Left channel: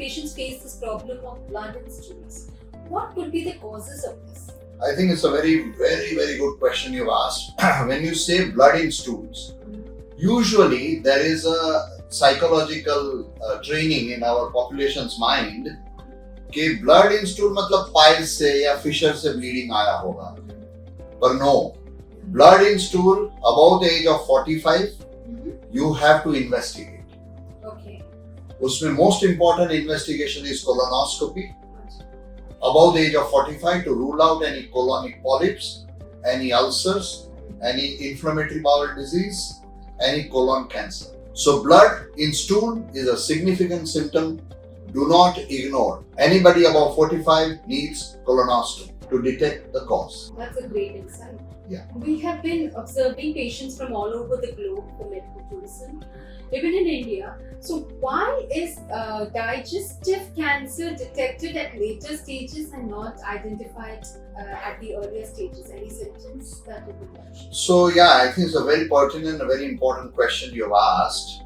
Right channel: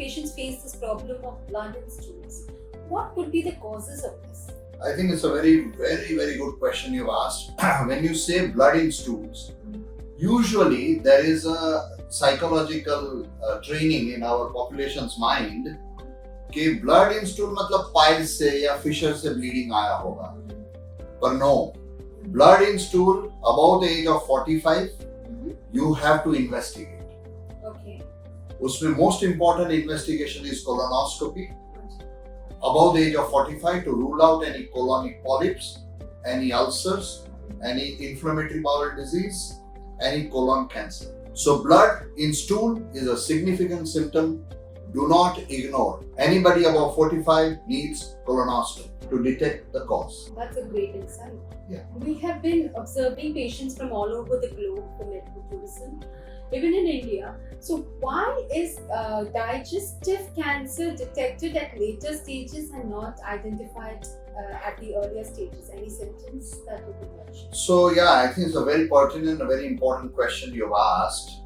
patients face this problem of blood in stools. What could be the causes of this? I think it's a very, very, very good question you've asked. When you say blood in stools, usually there is a psychological training in our population's mind कि blood in stool मतलब piles से या fissure से bleeding आया होगा. But no, blood in stool above the age of 45, you have to investigate. Okay. उसमें most important investigation is colonoscopy. Above the age of 45 to rule out any colonic polyps, any ulcers, any inflammatory bowel disease, any colon cancer. So blood in stool is a significant symptom. Do not ignore. Anybody above 45 needs colonoscopy to detect the cause. That's a great insight. Yeah. We have been observing patients from all over the globe for medical tourism, even in India. So why is digestive cancer detected at later stages and not identified at the earlier stages? Any symptoms that you could mention? So yeah, I think it's a very pertinent and a very important question you've asked.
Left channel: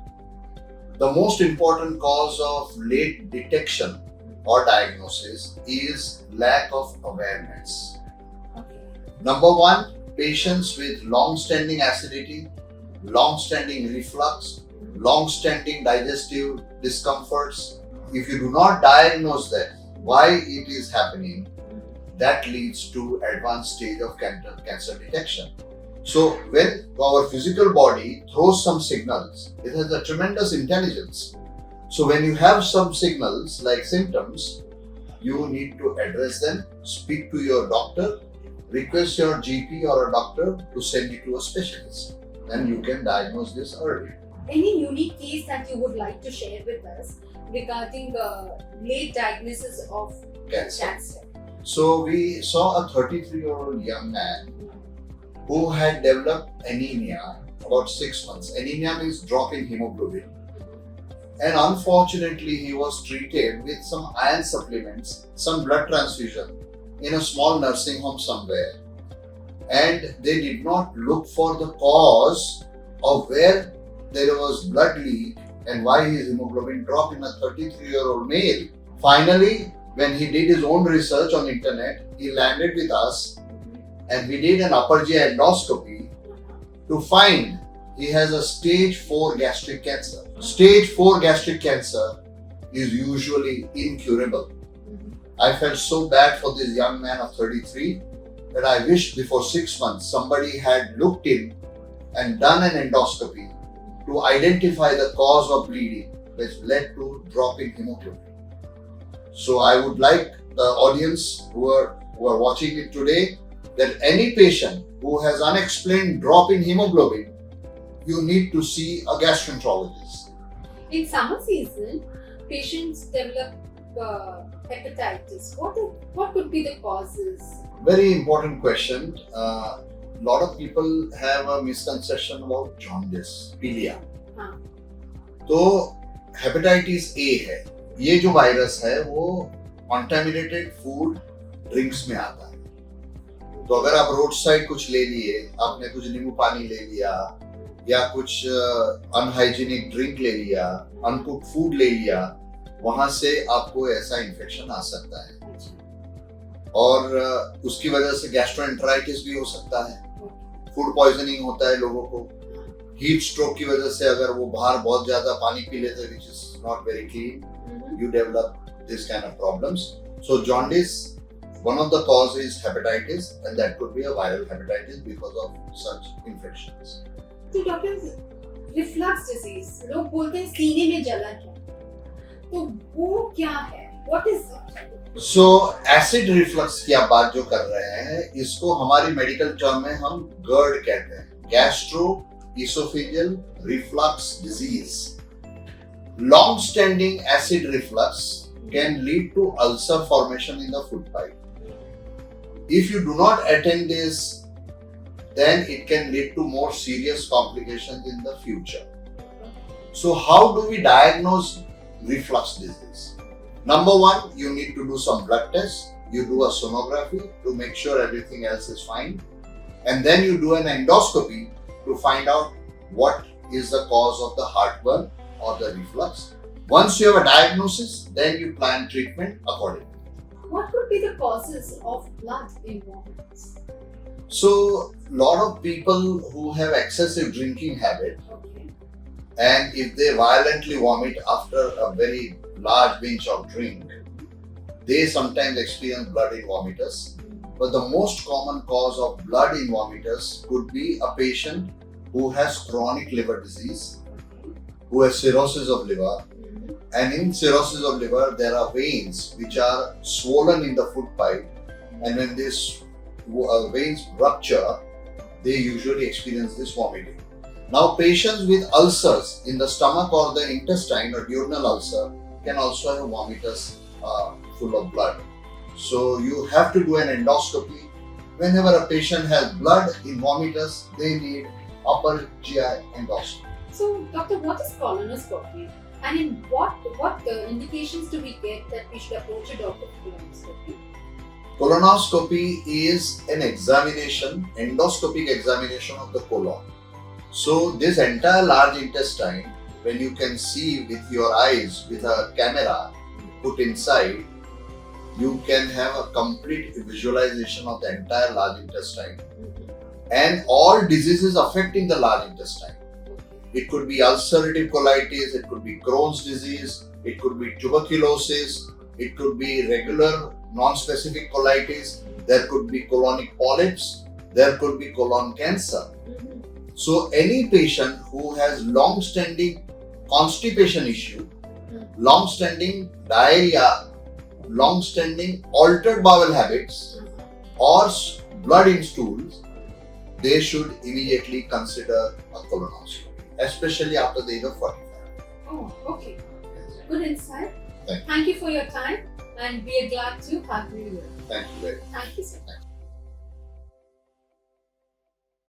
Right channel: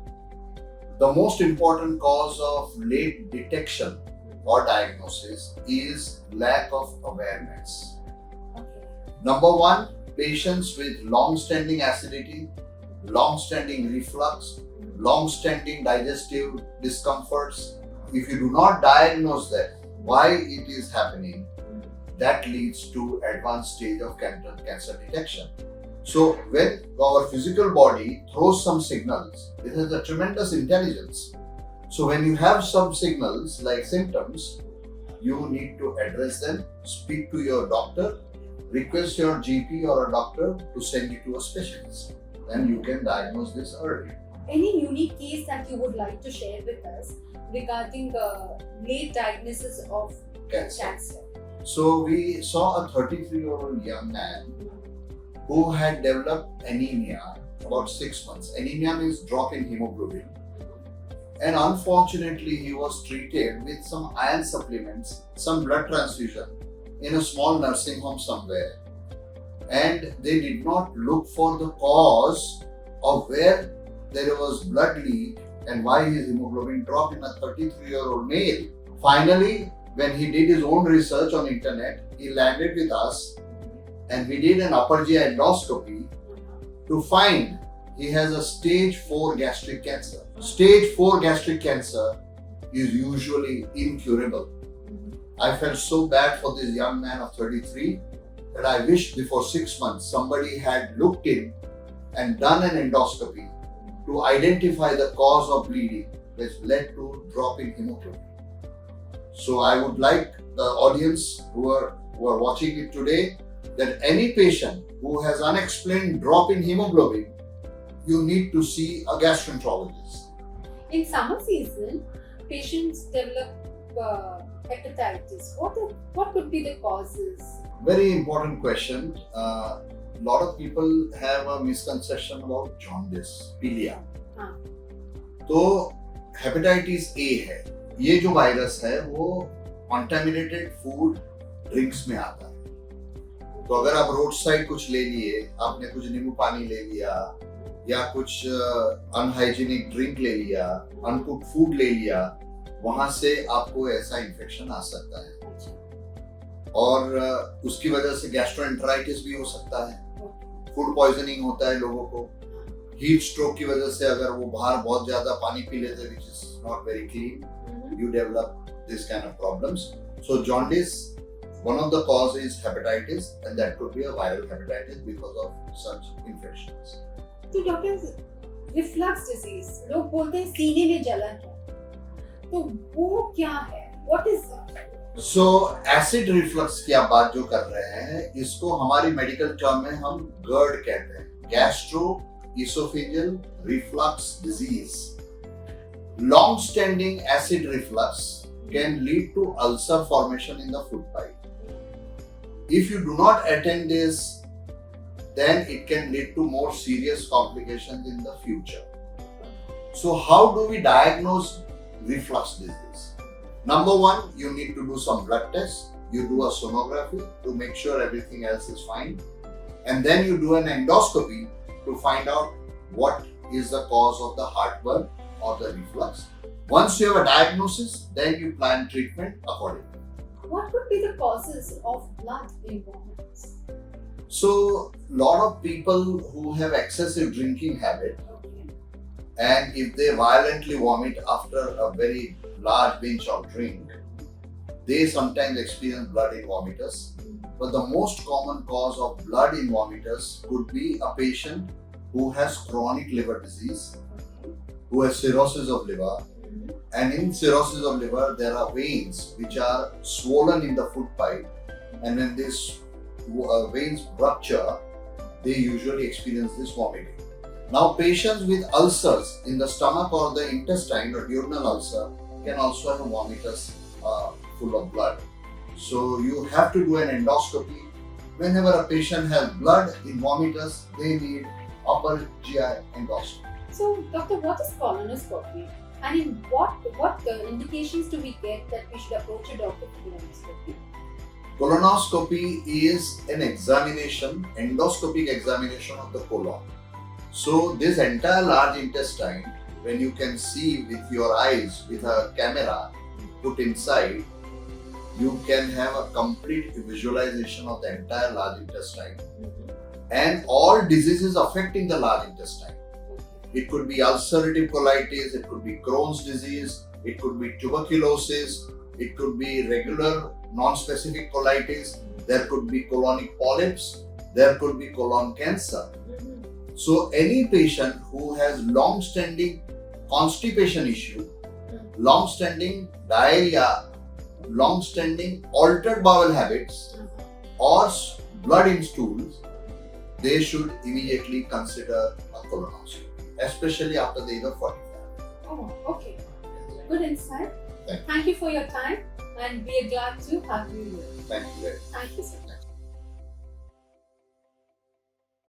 The most important cause of late detection or diagnosis is lack of awareness. Okay. Number one, patients with long-standing acidity, long-standing reflux, long-standing digestive discomforts. If you do not diagnose that, why it is happening, that leads to advanced stage of cancer detection. So when our physical body throws some signals, it has a tremendous intelligence. So when you have some signals like symptoms, you need to address them, speak to your doctor, request your GP or a doctor to send you to a specialist. Then you can diagnose this early. Any unique case that you would like to share with us regarding the late diagnosis of cancer? So we saw a 33-year-old young man who had developed anemia about 6 months. Anemia means drop in hemoglobin. And unfortunately, he was treated with some iron supplements, some blood transfusion in a small nursing home somewhere. And they did not look for the cause of where there was blood leak and why his hemoglobin dropped in a 33-year-old male. Finally, when he did his own research on internet, he landed with us and we did an upper GI endoscopy to find he has a stage 4 gastric cancer. Stage 4 gastric cancer is usually incurable. I felt so bad for this young man of 33 that I wish before 6 months somebody had looked in and done an endoscopy to identify the cause of bleeding which led to drop in hemoglobin. So I would like the audience who are watching it today that any patient who has unexplained drop in hemoglobin, you need to see a gastroenterologist. In summer season, patients develop hepatitis. What could be the causes? Very important question. Lot of people have a misconception about jaundice, pilia. तो hepatitis A है. ये जो virus है वो contaminated food drinks में आता है. तो अगर आप रोड साइड कुछ ले लिए, आपने कुछ नींबू पानी ले लिया या कुछ अनहाइजीनिक ड्रिंक ले लिया, अनकुक्ड फूड ले लिया, वहां से आपको ऐसा इन्फेक्शन आ सकता है और उसकी वजह से गैस्ट्रोएंटराइटिस भी हो सकता है. फूड पॉइजनिंग होता है लोगों को. हीट स्ट्रोक की वजह से अगर वो बाहर बहुत ज्यादा पानी पी लेते हैं, which is not very clean, you develop this kind of problems. So jaundice, one of the causes is hepatitis, and that could be a viral hepatitis because of such infections. तो doctor, reflux disease, लोग बोलते हैं सीने में जलन है, तो वो क्या है? What is it? So acid reflux की आप बात जो कर रहे हैं, इसको हमारी मेडिकल टर्म में हम GERD कहते हैं, gastroesophageal reflux disease. Long-standing acid reflux can lead to ulcer formation in the food pipe. If you do not attend this, then it can lead to more serious complications in the future. So how do we diagnose reflux disease? Number one, you need to do some blood tests. You do a sonography to make sure everything else is fine. And then you do an endoscopy to find out what is the cause of the heartburn or the reflux. Once you have a diagnosis, then you plan treatment accordingly. What could be the causes of blood in vomits? So, lot of people who have excessive drinking habit, Okay. and if they violently vomit after a very large binge of drink, they sometimes experience blood in vomitus. But the most common cause of blood in vomitus could be a patient who has chronic liver disease, who has cirrhosis of liver, and in cirrhosis of liver there are veins which are swollen in the food pipe, and when these veins rupture, they usually experience this vomiting. Now, patients with ulcers in the stomach or the intestine or duodenal ulcer can also have vomitus full of blood. So you have to do an endoscopy. Whenever a patient has blood in vomitus, they need upper GI endoscopy. So, doctor, what is colonoscopy? And in what indications do we get that we should approach a doctor for colonoscopy? Colonoscopy is an examination, endoscopic examination of the colon. So this entire large intestine, when you can see with your eyes with a camera put inside, you can have a complete visualization of the entire large intestine and all diseases affecting the large intestine. It could be ulcerative colitis, it could be Crohn's disease, it could be tuberculosis, it could be regular non-specific colitis, there could be colonic polyps, there could be colon cancer. So any patient who has long-standing constipation issue, long-standing diarrhea, long-standing altered bowel habits or blood in stools, they should immediately consider a colonoscopy, especially after the age of 45. Oh, okay. Good insight. Thank you. Thank you for your time, and we are glad to have you here. Thank you very much.